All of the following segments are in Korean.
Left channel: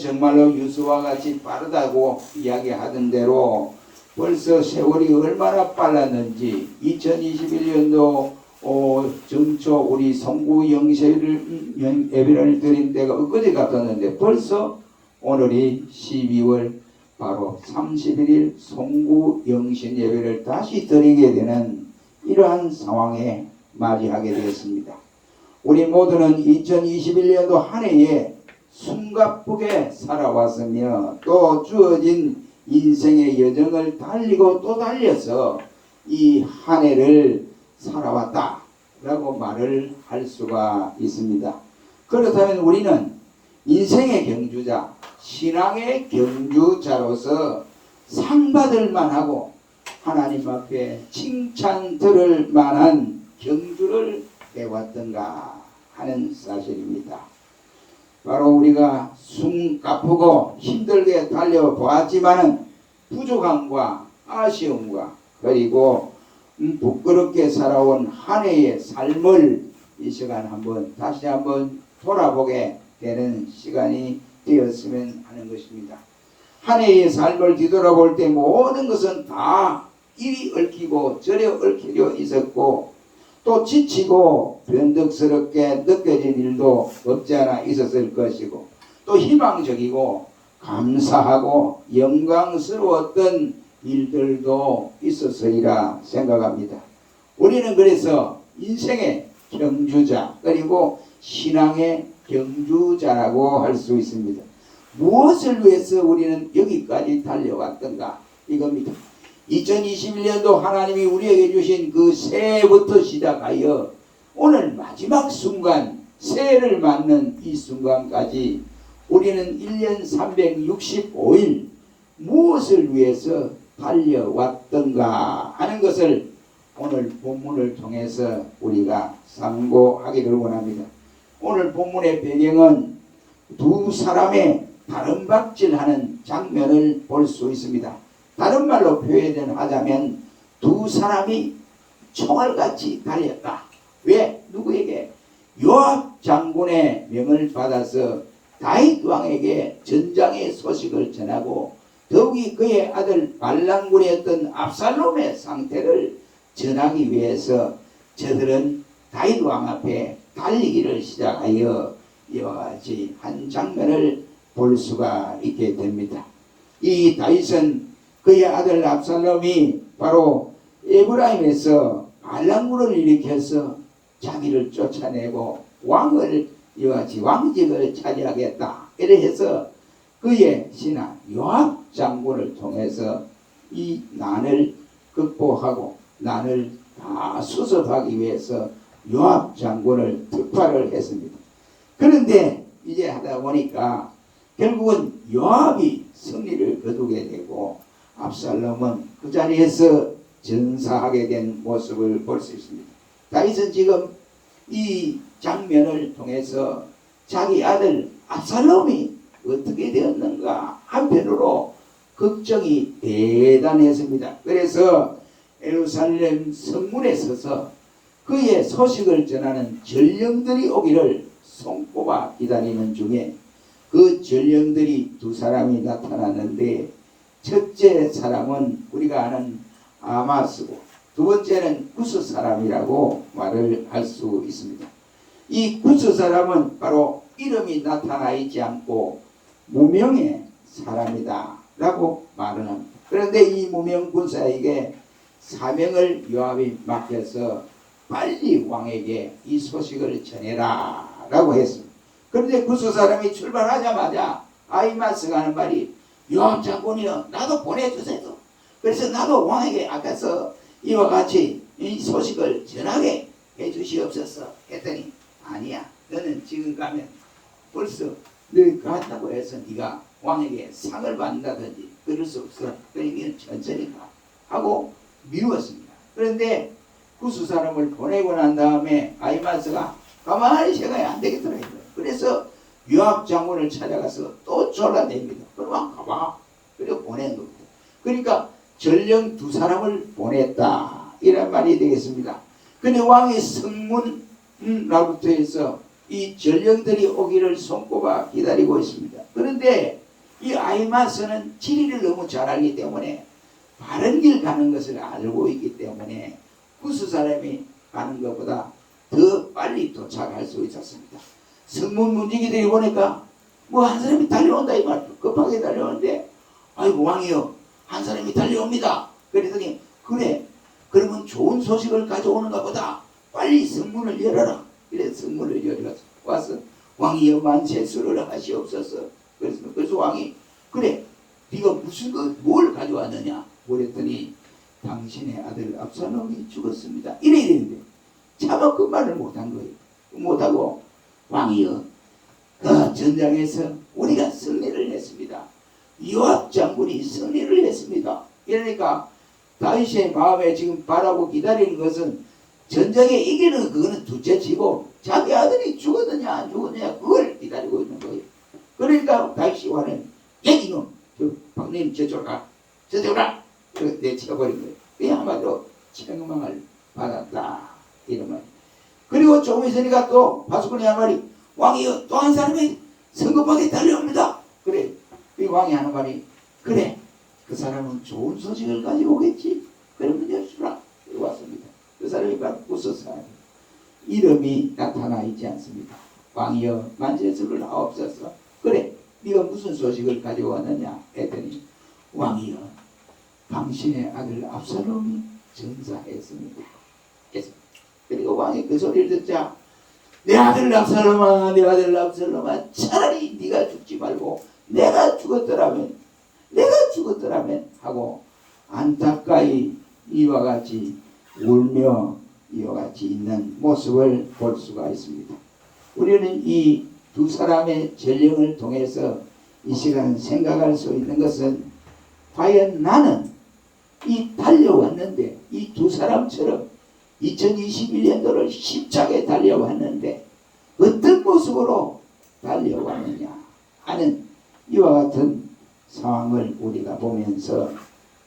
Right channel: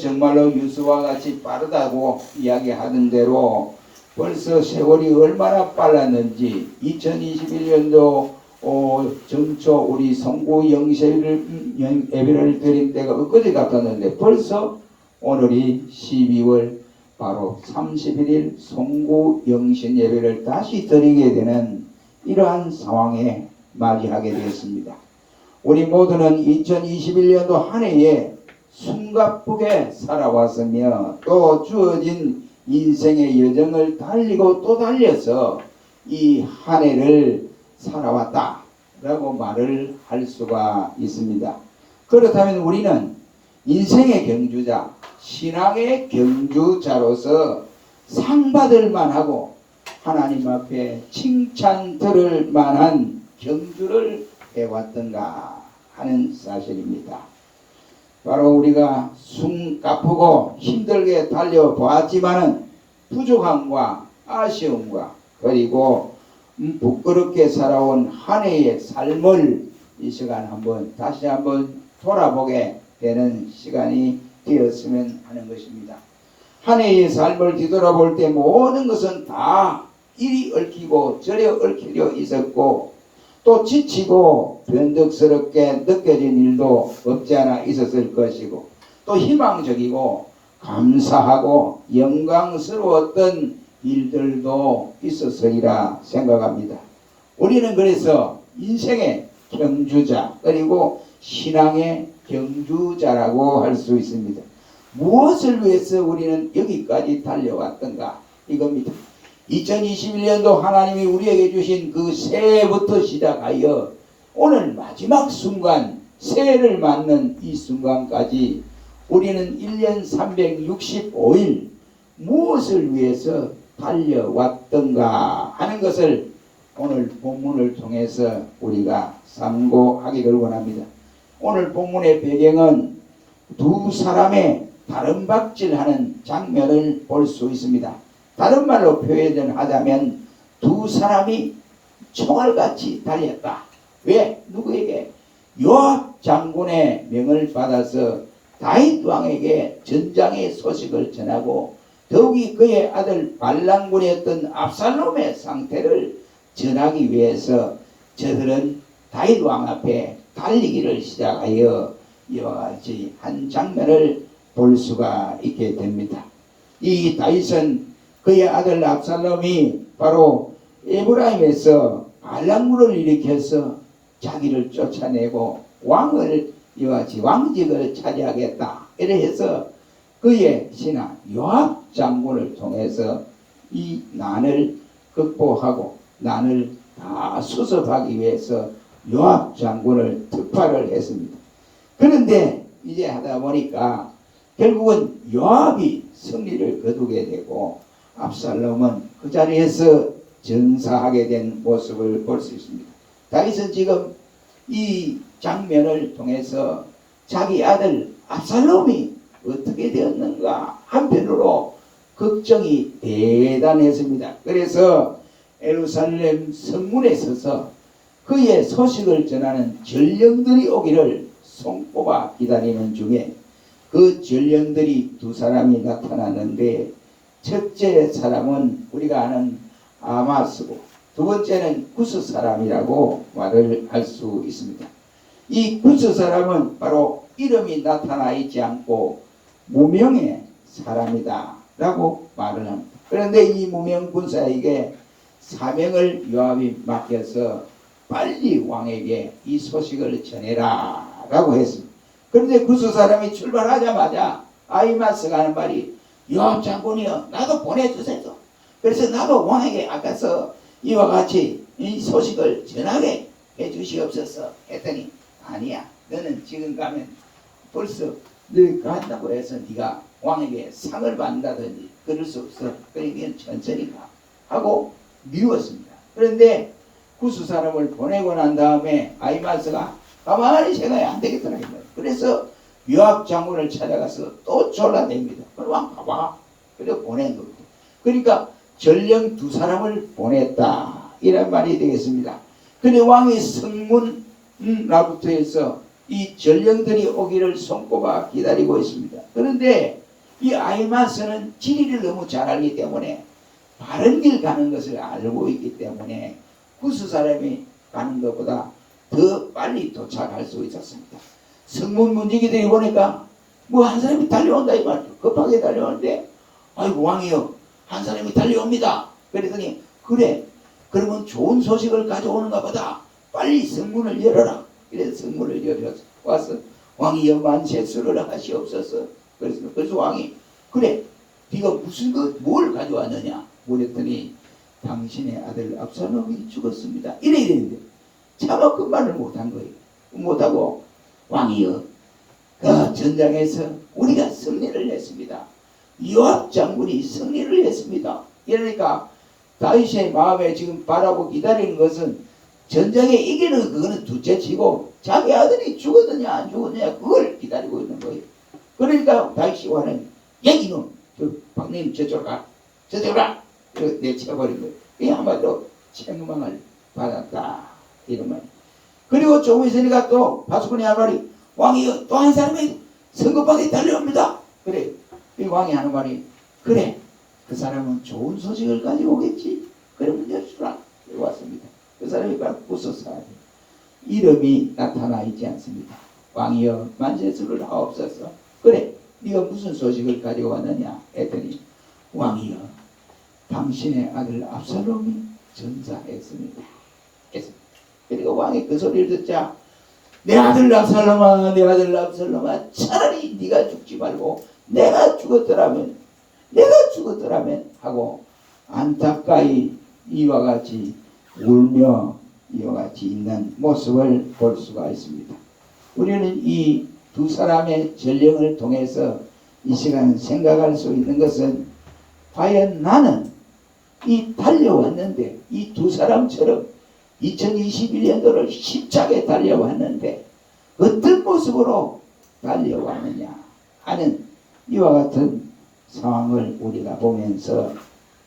정말로 유수와 같이 빠르다고 이야기하던 대로 벌써 세월이 얼마나 빨랐는지 2021년도 정초 우리 송구 예배를 드린 데가 엊그제 같았는데 벌써 오늘이 12월 바로 31일 송구 영신 예배를 다시 드리게 되는 이러한 상황에 맞이하게 되었습니다. 우리 모두는 2021년도 한 해에 숨가쁘게 살아왔으며 또 주어진 인생의 여정을 달리고 또 달려서 이 한 해를 살아왔다라고 말을 할 수가 있습니다. 그렇다면 우리는 인생의 경주자, 신앙의 경주자로서 상 받을 만하고 하나님 앞에 칭찬 들을 만한 경주를 해왔던가 하는 사실입니다. 바로 우리가 숨가쁘고 힘들게 달려보았지만은 부족함과 아쉬움과 그리고 부끄럽게 살아온 한 해의 삶을 이 시간 다시 한번 돌아보게 되는 시간이 되었으면 하는 것입니다. 한 해의 삶을 뒤돌아볼 때 모든 것은 다 이리 얽히고 저리 얽히려 있었고 또 지치고 변덕스럽게 느껴진 일도 없지 않아 있었을 것이고 또 희망적이고 감사하고 영광스러웠던 일들도 있었으리라 생각합니다. 우리는 그래서 인생의 경주자 그리고 신앙의 경주자라고 할 수 있습니다. 무엇을 위해서 우리는 여기까지 달려왔던가 이겁니다. 2021년도 하나님이 우리에게 주신 그 새해부터 시작하여 오늘 마지막 순간 새해를 맞는 이 순간까지 우리는 1년 365일 무엇을 위해서 달려왔던가 하는 것을 오늘 본문을 통해서 우리가 상고하기를 원합니다. 오늘 본문의 배경은 두 사람의 다름박질하는 장면을 볼 수 있습니다. 다른 말로 표현하자면 두 사람이 총알같이 달렸다. 왜? 누구에게? 요압 장군의 명을 받아서 다윗 왕에게 전장의 소식을 전하고 더욱이 그의 아들 발랑군이었던 압살롬의 상태를 전하기 위해서 저들은 다윗 왕 앞에 달리기를 시작하여 이와 같이 한 장면을 볼 수가 있게 됩니다. 이 다윗은 그의 아들 압살롬이 바로 에브라임에서 반란군을 일으켜서 자기를 쫓아내고 왕을 이와 같이 왕직을 차지하겠다 이래 해서 그의 신하 요압 장군을 통해서 이 난을 극복하고 난을 다 수습하기 위해서 요압 장군을 특파를 했습니다. 그런데 이제 하다 보니까 결국은 요압이 승리를 거두게 되고 압살롬은 그 자리에서 전사하게 된 모습을 볼 수 있습니다. 다윗은 지금 이 장면을 통해서 자기 아들 압살롬이 어떻게 되었는가 한편으로 걱정이 대단했습니다. 그래서 예루살렘 성문에 서서 그의 소식을 전하는 전령들이 오기를 손꼽아 기다리는 중에 그 전령들이 두 사람이 나타났는데 첫째 사람은 우리가 아는 아마스고 두 번째는 구스 사람이라고 말을 할 수 있습니다. 이 구스 사람은 바로 이름이 나타나 있지 않고 무명의 사람이다 라고 말을 합니다. 그런데 이 무명 군사에게 사명을 요압이 맡겨서 빨리 왕에게 이 소식을 전해라 라고 했습니다. 그런데 구스 사람이 출발하자마자 아히마스가 하는 말이 요압 장군이여 나도 보내주세요. 그래서 나도 왕에게 앞에서 이와 같이 이 소식을 전하게 해주시옵소서 했더니 아니야 너는 지금 가면 벌써 너 간다고 해서 네가 왕에게 상을 받는다든지 그럴 수 없어. 그러니까 천천히 가 하고 미루었습니다. 그런데 구스 사람을 보내고 난 다음에 아히마스가 가만히 생각이 안 되겠더라 이거예요. 그래서 요압 장군을 찾아가서 또 졸라댑니다. 왕 가봐. 그래서 보낸 겁니다. 그러니까 전령 두 사람을 보냈다 이런 말이 되겠습니다. 근데 왕의 성문 나부터 해서 이 전령들이 오기를 손꼽아 기다리고 있습니다. 그런데 이 아이마스는 지리를 너무 잘 알기 때문에 바른 길 가는 것을 알고 있기 때문에 구스 사람이 가는 것보다 더 빨리 도착할 수 있었습니다. 성문 문지기들이 보니까 뭐 한 사람이 달려온다 이 말이죠. 급하게 달려오는데 아이고 왕이여 한 사람이 달려옵니다. 그랬더니 그래 그러면 좋은 소식을 가져오는가 보다 빨리 성문을 열어라. 그래서 성문을 열어서 와서 왕이여 만세수를 하시옵소서. 그래서 왕이 그래 네가 무슨 뭘 가져왔느냐 그랬더니 당신의 아들 압살롬이 죽었습니다. 이래 되는데 차마 그 말을 못한 거예요. 못하고 왕이여 그 전장에서 우리가 승리를 했습니다. 요압 장군이 승리를 했습니다. 이러니까 다윗의 마음에 지금 바라고 기다리는 것은 전쟁에 이기는 그거는 둘째치고 자기 아들이 죽었느냐 안 죽었느냐 그걸 기다리고 있는 거예요. 그러니까 다윗이 와는 얘기는 저 박님 저쪽으로 가 저쪽으로 가 이렇게 내쳐버린 거예요. 이 한마디로 책망을 받았다 이런 말. 그리고 조금 있으니까 또 바수꾼이 한 말이 왕이여 또 한 사람이 성급하게 달려옵니다. 그래 이 왕이 하는 말이 그래 그 사람은 좋은 소식을 가지고 오겠지. 그러면 열수라 왔습니다. 그 사람이 바로 구스 사람. 이름이 나타나 있지 않습니다. 왕이여 만세수를 하옵소서. 그래 네가 무슨 소식을 가지고 왔느냐 했더니 왕이여 당신의 아들 압살롬이 전사했습니다. 그리고 왕이 그 소리를 듣자 내 아들 압살롬아 내 아들 압살롬아 차라리 네가 죽지 말고 내가 죽었더라면 하고 안타까이 이와 같이 울며 이와 같이 있는 모습을 볼 수가 있습니다. 우리는 이 두 사람의 전령을 통해서 이 시간 생각할 수 있는 것은 과연 나는 이 달려왔는데 이 두 사람처럼 2021년도를 힘차게 달려왔는데 어떤 모습으로 달려왔느냐 하는 이와 같은 상황을 우리가 보면서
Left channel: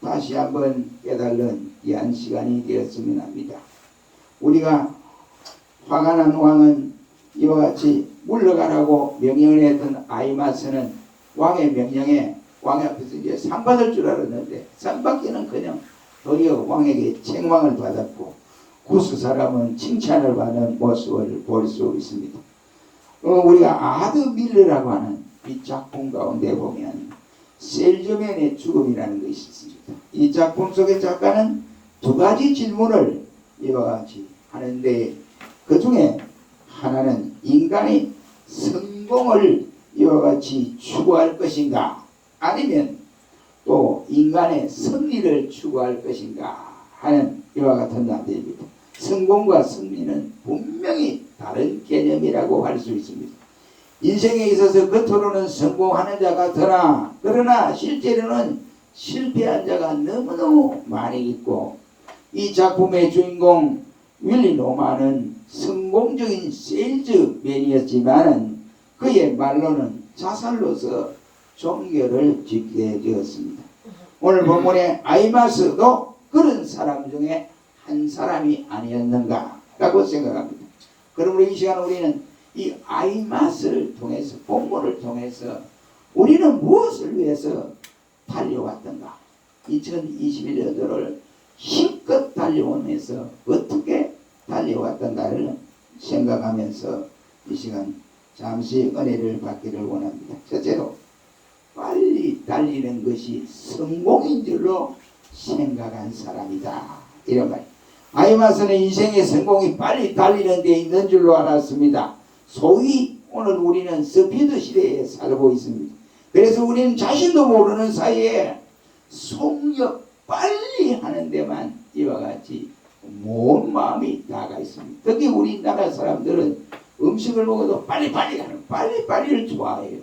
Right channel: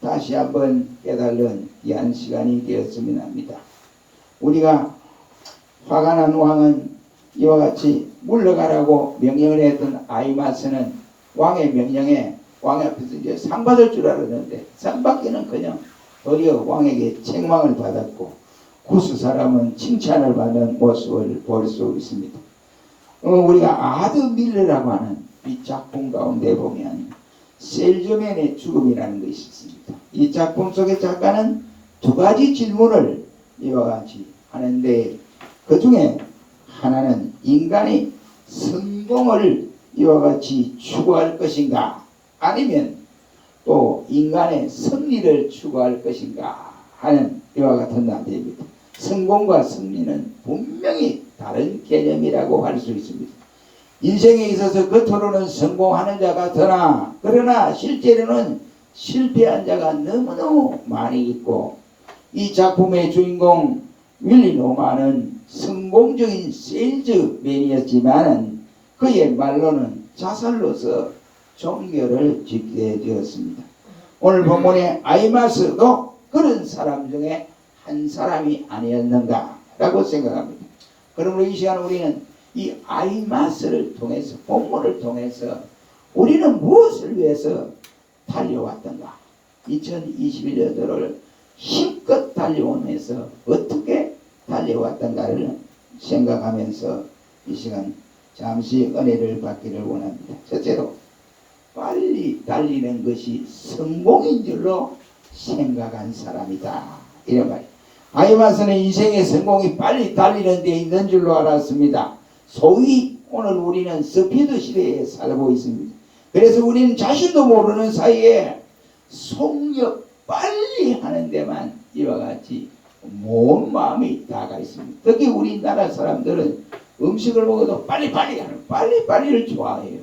다시 한번 깨달은 귀한 시간이 되었으면 합니다. 우리가 화가 난 왕은 이와 같이 물러가라고 명령을 했던 아이마스는 왕의 명령에 왕 앞에서 이제 상 받을 줄 알았는데 상 받기는커녕 도리어 왕에게 책망을 받았고 구스 사람은 칭찬을 받는 모습을 볼 수 있습니다. 우리가 아드 밀러라고 하는 이 작품 가운데 보면 셀저맨의 죽음이라는 것이 있습니다. 이 작품 속의 작가는 두 가지 질문을 이와 같이 하는데 그 중에 하나는 인간이 성공을 이와 같이 추구할 것인가 아니면 또 인간의 승리를 추구할 것인가 하는 이와 같은 나대입니다. 성공과 승리는 분명히 다른 개념이라고 할 수 있습니다. 인생에 있어서 겉으로는 성공하는 자가 더나 그러나 실제로는 실패한 자가 너무너무 많이 있고 이 작품의 주인공 윌리 노만은 성공적인 세일즈맨이었지만 그의 말로는 자살로서 종교를 짓게 되었습니다. 오늘 본문의 아이마스도 그런 사람 중에 한 사람이 아니었는가라고 생각합니다. 그러므로 이 시간 우리는 이 아이마스를 통해서 본문을 통해서 우리는 무엇을 위해서 달려왔던가 2021년도를 힘껏 달려오면서 어떻게 달려왔던가를 생각하면서 이 시간 잠시 은혜를 받기를 원합니다. 첫째로 빨리 달리는 것이 성공인 줄로 생각한 사람이다. 이런 말. 아이마스는 인생의 성공이 빨리 달리는 데 있는 줄로 알았습니다. 소위 오늘 우리는 스피드 시대에 살고 있습니다. 그래서 우리는 자신도 모르는 사이에 속력 빨리 하는 데만 이와 같이 온 마음이 다가 있습니다. 특히 우리나라 사람들은 음식을 먹어도 빨리빨리를 좋아해요.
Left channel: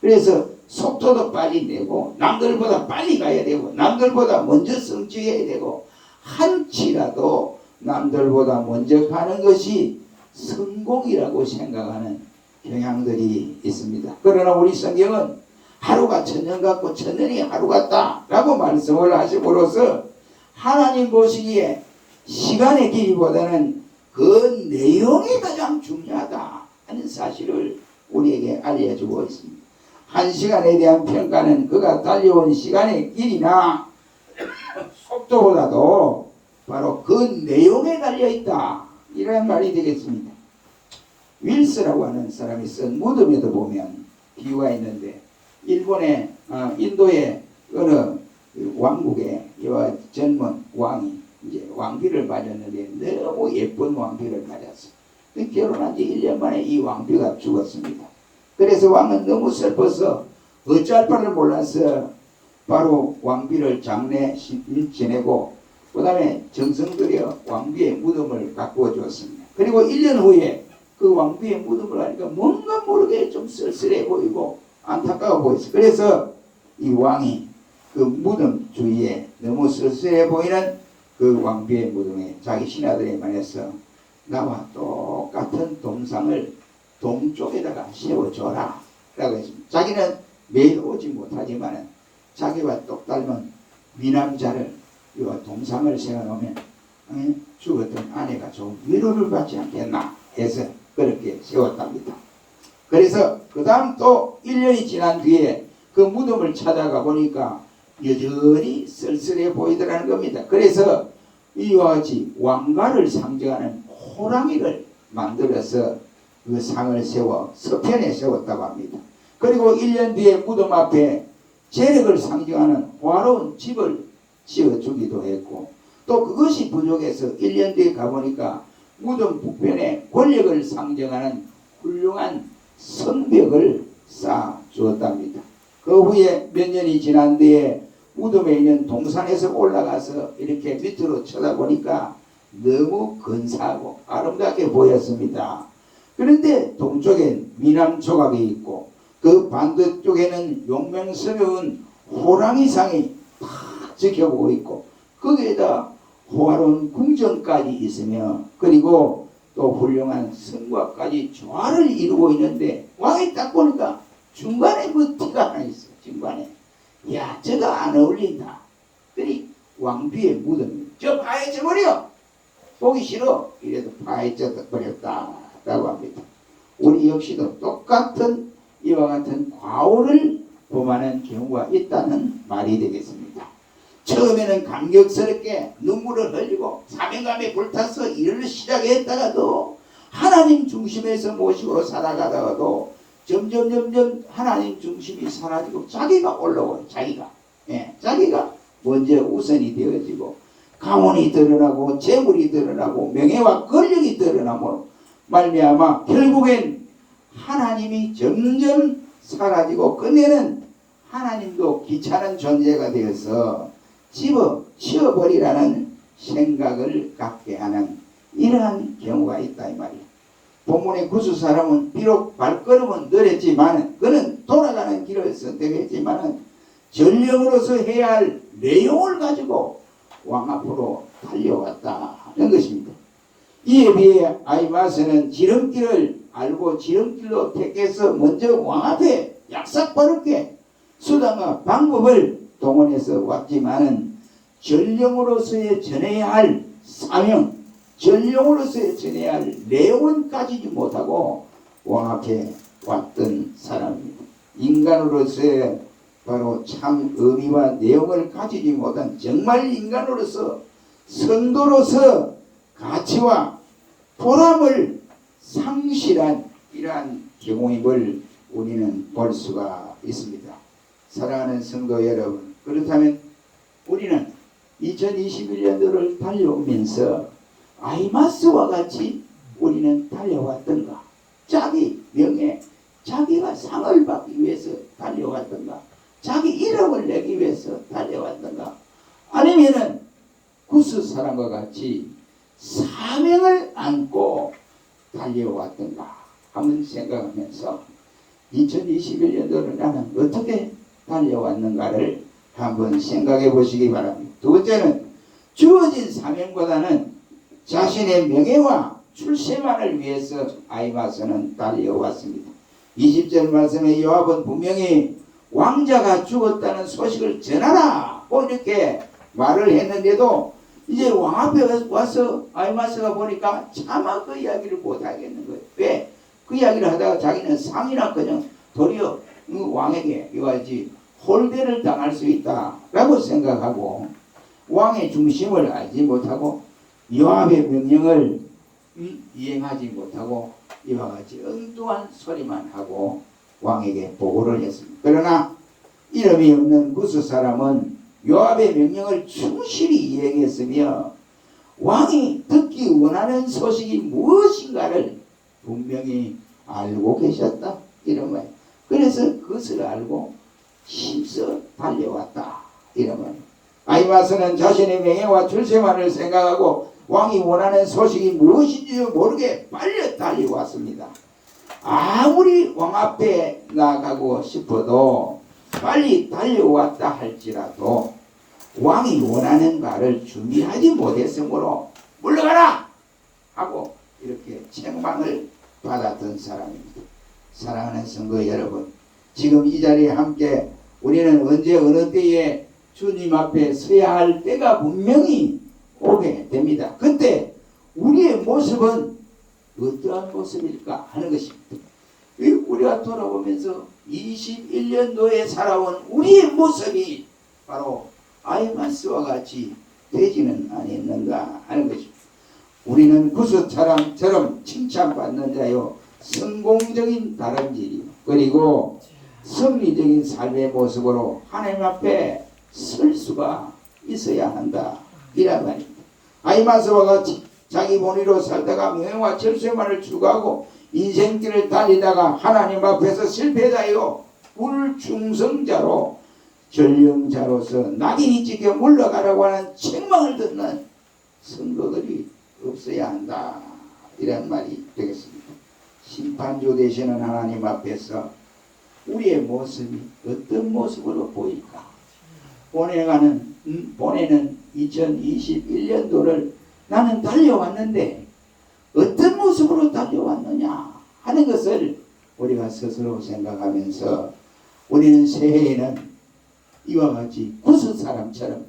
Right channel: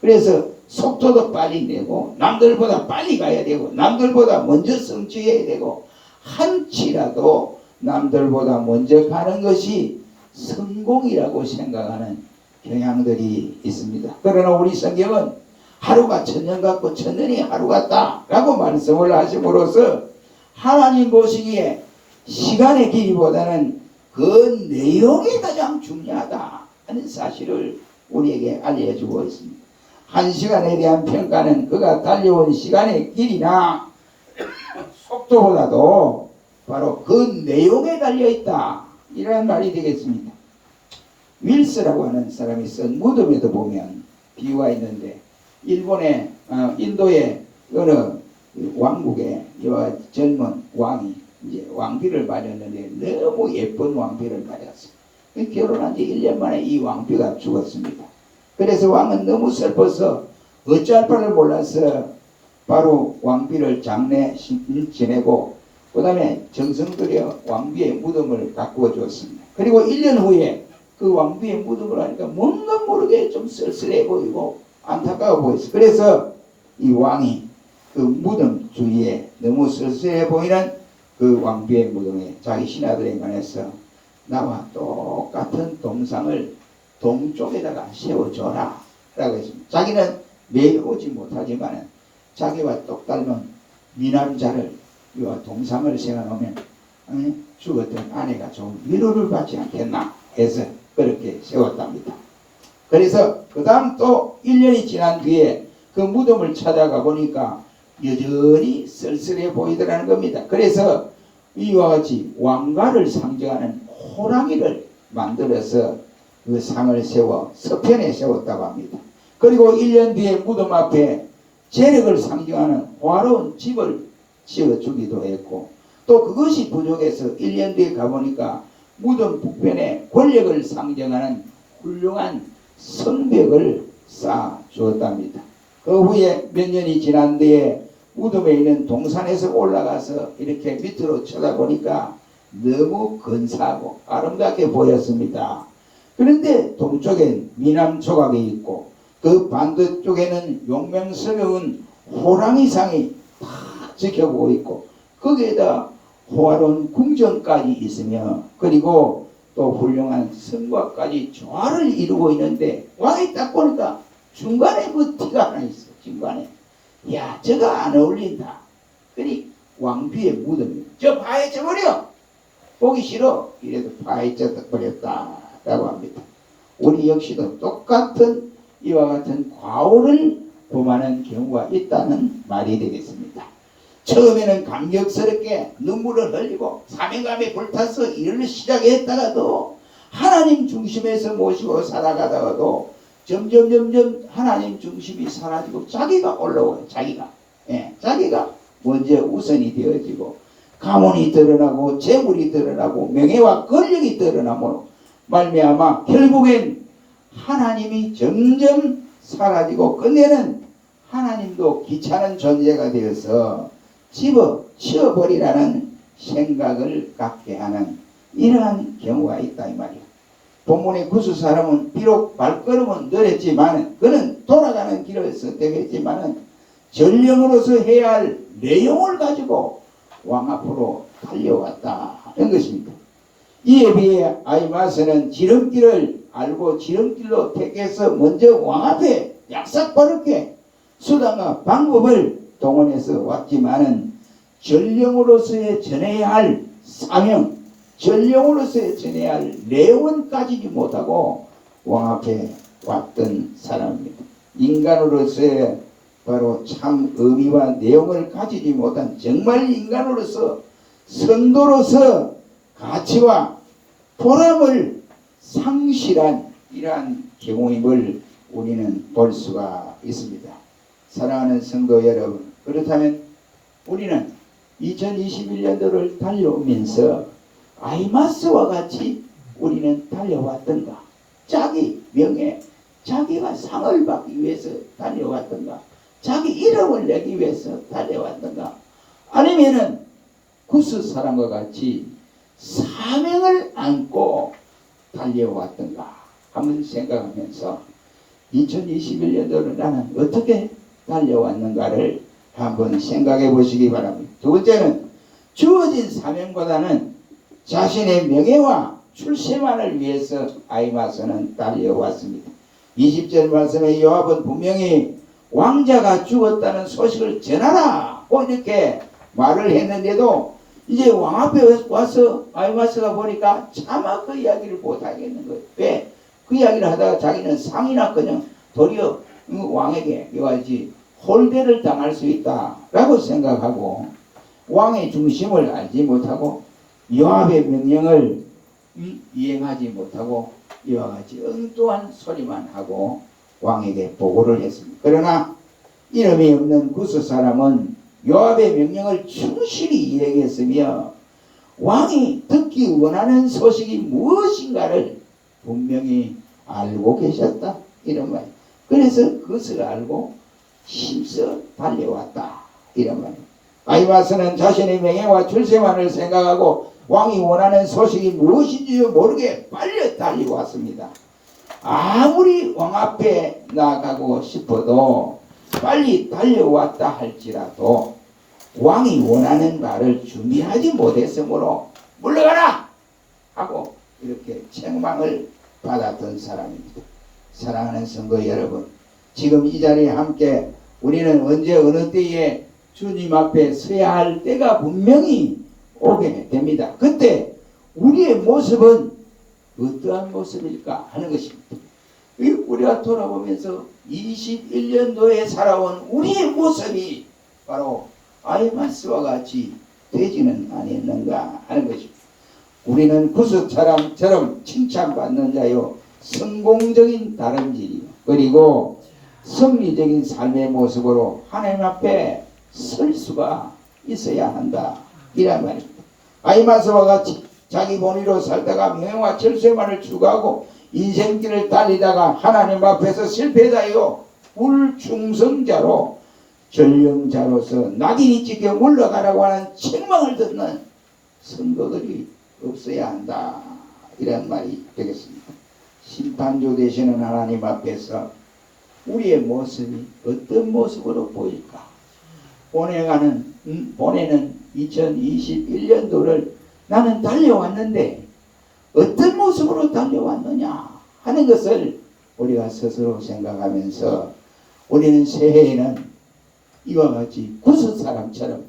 그래서 속도도 빨리 내고 남들보다 빨리 가야 되고 남들보다 먼저 성취해야 되고 한치라도 남들보다 먼저 가는 것이 성공이라고 생각하는 경향들이 있습니다. 그러나 우리 성경은 하루가 천년 같고 천년이 하루 같다 라고 말씀을 하심으로써 하나님 보시기에 시간의 길이보다는 그 내용이 가장 중요하다 하는 사실을 우리에게 알려주고 있습니다. 한 시간에 대한 평가는 그가 달려온 시간의 길이나 속도보다도 바로 그 내용에 달려있다, 이런 말이 되겠습니다. 윌스라고 하는 사람이 쓴 무덤에도 보면 비유가 있는데, 일본의 인도의 어느 왕국에 이와 젊은 왕이 이제 왕비를 맞았는데 너무 예쁜 왕비를 맞았어요. 결혼한 지 1년 만에 이 왕비가 죽었습니다. 그래서 왕은 너무 슬퍼서 어찌할 바를 몰라서 바로 왕비를 장례 지내고 그 다음에 정성 들여 왕비의 무덤을 가꾸어 주었습니다. 그리고 1년 후에 그 왕비의 무덤을 하니까 뭔가 모르게 좀 쓸쓸해 보이고 안타까워 보였어요. 그래서 이 왕이 그 무덤 주위에 너무 쓸쓸해 보이는 그 왕비의 무덤에 자기 신하들에 관해서 나와 똑같은 동상을 동쪽에다가 세워줘라 라고 했습니다. 자기는 매일 오지 못하지만 자기와 똑 닮은 미남자를 이와 동상을 세워놓으면 죽었던 아내가 좀 위로를 받지 않겠나 해서 그렇게 세웠답니다. 그래서 그 다음 또 1년이 지난 뒤에 그 무덤을 찾아가 보니까 여전히 쓸쓸해 보이더라는 겁니다. 그래서 이와 같이 왕가를 상징하는 호랑이를 만들어서 그 상을 세워 서편에 세웠다고 합니다. 그리고 1년 뒤에 무덤 앞에 재력을 상징하는 화려한 집을 지어주기도 했고, 또 그것이 부족해서 1년 뒤에 가보니까 무덤 북편에 권력을 상징하는 훌륭한 성벽을 쌓아 주었답니다. 그 후에 몇 년이 지난 뒤에 무덤에 있는 동산에서 올라가서 이렇게 밑으로 쳐다보니까 너무 근사하고 아름답게 보였습니다. 그런데 동쪽엔 미남 조각이 있고 그 반대쪽에는 용맹스러운 호랑이상이 다 지켜보고 있고 거기에다 호화로운 궁전까지 있으며 그리고 또 훌륭한 성곽까지 조화를 이루고 있는데 왕이 딱 보니까 중간에 그 티가 하나 있어. 중간에 야 저거 안 어울린다. 그리 왕비의 무덤이 저 파헤쳐 버려. 보기 싫어. 이래도 파헤쳐 버렸다 라고 합니다. 우리 역시도 똑같은 이와 같은 과오를 범하는 경우가 있다는 말이 되겠습니다. 처음에는 감격스럽게 눈물을 흘리고 사명감에 불타서 일을 시작했다가도 하나님 중심에서 모시고 살아가다가도 점점 하나님 중심이 사라지고 자기가 올라와요. 자기가 먼저 우선이 되어지고 가문이 드러나고 재물이 드러나고 명예와 권력이 드러나므로 말미암아 결국엔 하나님이 점점 사라지고 끝내는 하나님도 귀찮은 존재가 되어서 치워버리라는 생각을 갖게 하는 이러한 경우가 있다 이 말이에요. 본문의 구수 사람은 비록 발걸음은 느렸지만 그는 돌아가는 길을 선택했지만 전령으로서 해야 할 내용을 가지고 왕 앞으로 달려왔다는 것입니다. 이에 비해 아히마스는 지름길을 알고 지름길로 택해서 먼저 왕 앞에 약삭빠르게 수단과 방법을 동원해서 왔지만은 전령으로서의 전해야 할 사명, 전령으로서의 전해야 할 내용은 가지지 못하고 왕 앞에 왔던 사람입니다. 인간으로서의 바로 참 의미와 내용을 가지지 못한 정말 인간으로서 선도로서 가치와 보람을 상실한 이러한 경우임을 우리는 볼 수가 있습니다. 사랑하는 성도 여러분, 그렇다면 우리는 2021년도를 달려오면서 아히마스와 같이 우리는 달려왔던가? 자기 명예, 자기가 상을 받기 위해서 달려왔던가? 자기 이름을 내기 위해서 달려왔던가? 아니면은 구스 사람과 같이 사명을 안고 달려왔던가? 한번 생각하면서 2021년도를 나는 어떻게 달려왔는가를 한번 생각해 보시기 바랍니다. 두 번째는 주어진 사명보다는 자신의 명예와 출세만을 위해서 아히마스는 달려왔습니다. 20절 말씀에 요압은 분명히 왕자가 죽었다는 소식을 전하라고 이렇게 말을 했는데도 이제 왕 앞에 와서 아히마스가 보니까 차마 그 이야기를 못하겠는 거예요. 왜? 그 이야기를 하다가 자기는 상이나 그냥 도리어 왕에게 이와지 홀대를 당할 수 있다라고 생각하고 왕의 중심을 알지 못하고 요압의 명령을 이행하지 못하고 이와 같이 엉뚱한 소리만 하고 왕에게 보고를 했습니다. 그러나 이름이 없는 구스 사람은 요압의 명령을 충실히 이행했으며 왕이 듣기 원하는 소식이 무엇인가를 분명히 알고 계셨다 이런 말. 그래서 그것을 알고 힘써 달려왔다 이런 말. 아히마스는 자신의 명예와 출세만을 생각하고 왕이 원하는 소식이 무엇인지 모르게 빨리 달려왔습니다. 아무리 왕 앞에 나가고 싶어도 빨리 달려왔다 할지라도 왕이 원하는 말을 준비하지 못했으므로 물러가라 하고 이렇게 책망을 받았던 사람입니다. 사랑하는 성도 여러분, 지금 이 자리에 함께 우리는 언제 어느 때에 주님 앞에 서야 할 때가 분명히 오게 됩니다. 그때 우리의 모습은 어떠한 모습일까 하는 것입니다. 우리가 돌아보면서 21년도에 살아온 우리의 모습이 바로 아히마스와 같이 되지는 않았는가 하는 것입니다. 우리는 구스처럼 칭찬받는 자요, 성공적인 다름질이요, 그리고 승리적인 삶의 모습으로 하나님 앞에 설 수가 있어야 한다 이란 말입니다. 아히마스와 같이 자기 본의로 살다가 명예와 철새만을 추구하고 인생길을 달리다가 하나님 앞에서 실패자요 불충성자로 전령자로서 낙인이 찍혀 물러가라고 하는 책망을 듣는 성도들이 없어야 한다 이런 말이 되겠습니다. 심판주 되시는 하나님 앞에서 우리의 모습이 어떤 모습으로 보일까? 보내는 2021년도를 나는 달려왔는데 어떤 모습으로 달려왔느냐 하는 것을 우리가 스스로 생각하면서 우리는 새해에는 이와 같이 구스 사람처럼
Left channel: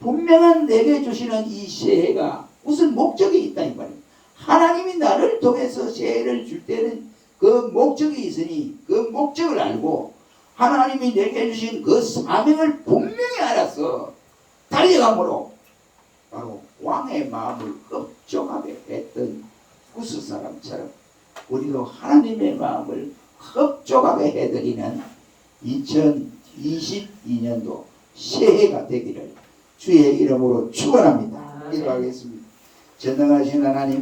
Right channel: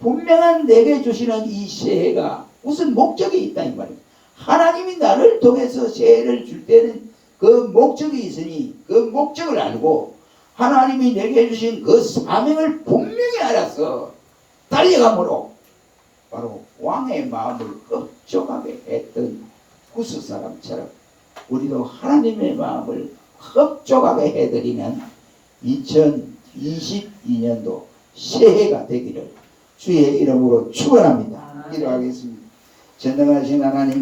분명한 내게 주시는 이 새해가 무슨 목적이 있다 이 말이에요. 하나님이 나를 통해서 새해를 줄 때는 그 목적이 있으니 그 목적을 알고 하나님이 내게 주신 그 사명을 분명히 알아서 달려감으로 바로 왕의 마음을 흡족하게 했던 구스 사람처럼 우리도 하나님의 마음을 흡족하게 해드리는 2022년도 새해가 되기를 주의 이름으로 축원합니다. 기도하겠습니다. 전능하신 하나님,